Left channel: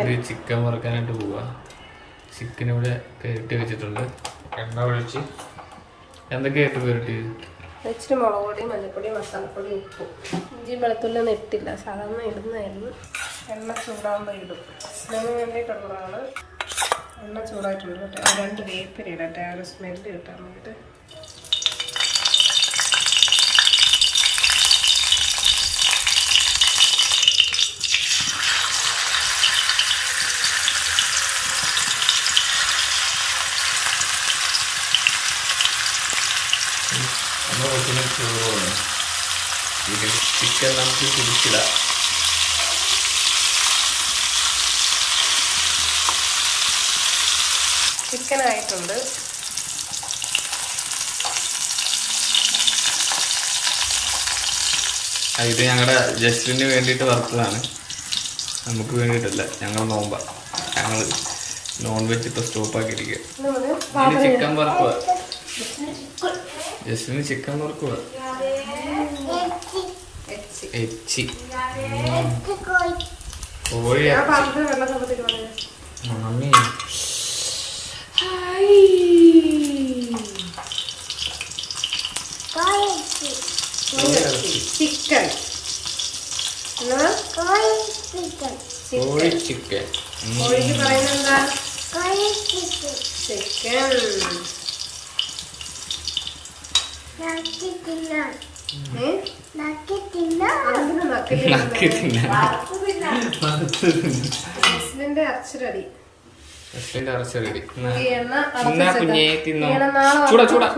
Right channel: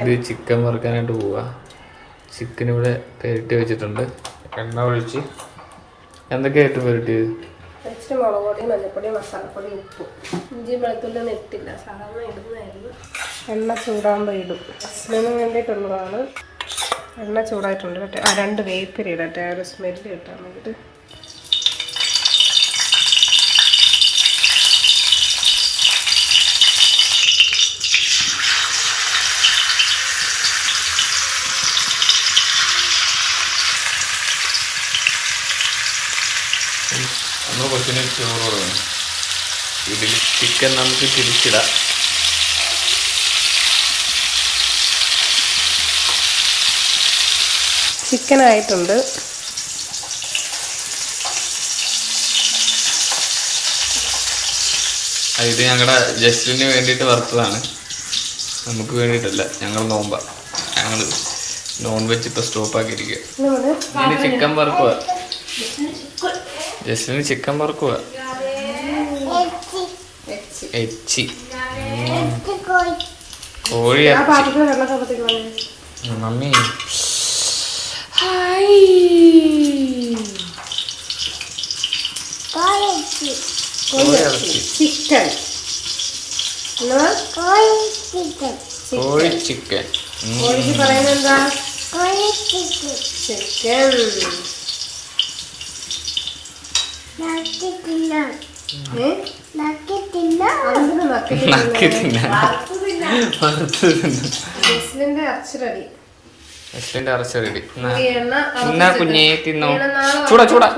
ഇത് ചിക്കൻ വറുക്കാനായിട്ട് പോവാ. ചിക്കൻ ഇവിടെ പെരട്ടി വെച്ചിട്ടുണ്ട്. എണ്ണ ഒഴിച്ച് എന്തൊക്കെയായിട്ട് പെരട്ടിയത്? ഇച്ചിരി മുളക് പൊടി, മഞ്ഞൾപ്പൊടി, മസാലപ്പൊടി, ഉപ്പ്, ഇഞ്ചി വെളുത്തുള്ളി ഇട്ടില്ല, സാധാരണ ഇടുന്നതായിരുന്നു. എണ്ണ ചൂടാകുമ്പോൾ ഇടും. സ്മെല്ലിന് വേണ്ടിയിട്ടുള്ളതാണ്. എണ്ണ ചൂടായിട്ടുണ്ട്. 2 വേപ്പില ഇടട്ടെ, ഒരു സ്മെല്ല് കിട്ടാൻ വേണ്ടിയിട്ട്. നമ്മൾ കുറച്ചിന് ചോറ് വേണം. ഇതിൽ ചിക്കൻ നമുക്ക് തിരിച്ചിടാം. ചിക്കനായിട്ടുണ്ട്. ഇത് ഞങ്ങളുടെ ജസ്റ്റിന് വേണ്ടിയിട്ട് വറുത്തതാണ്, നമുക്ക് വേണ്ടിയിട്ടല്ല. ഞങ്ങൾ നോമ്പ, ഞങ്ങൾ നോൺ വെജ് ഇപ്പോൾ സ്റ്റോപ്പാക്കിയിരിക്കുക. ചിക്കൻ വറുക്കുക, ജസ്റ്റിന് ചിക്കൻ വറുക്കുക. എച്ചി കോഴി ഇറച്ചി. മമ്മി കോഴി ഇറച്ചി, ചിക്കൻ, കോഴി ചിക്കൻ. കോഴിക്ക് പറയുന്നെന്താ? ചിക്കൻ. നക്കി തിന്നാൻ ജസ്ലിന്റെ ഇറച്ചി റെഡി. ജസ്ലിന്റെ ഇറച്ചി റെഡി. എന്നാ കുഞ്ഞേ തിന്നോ. ചൂടാ ചൂടാ.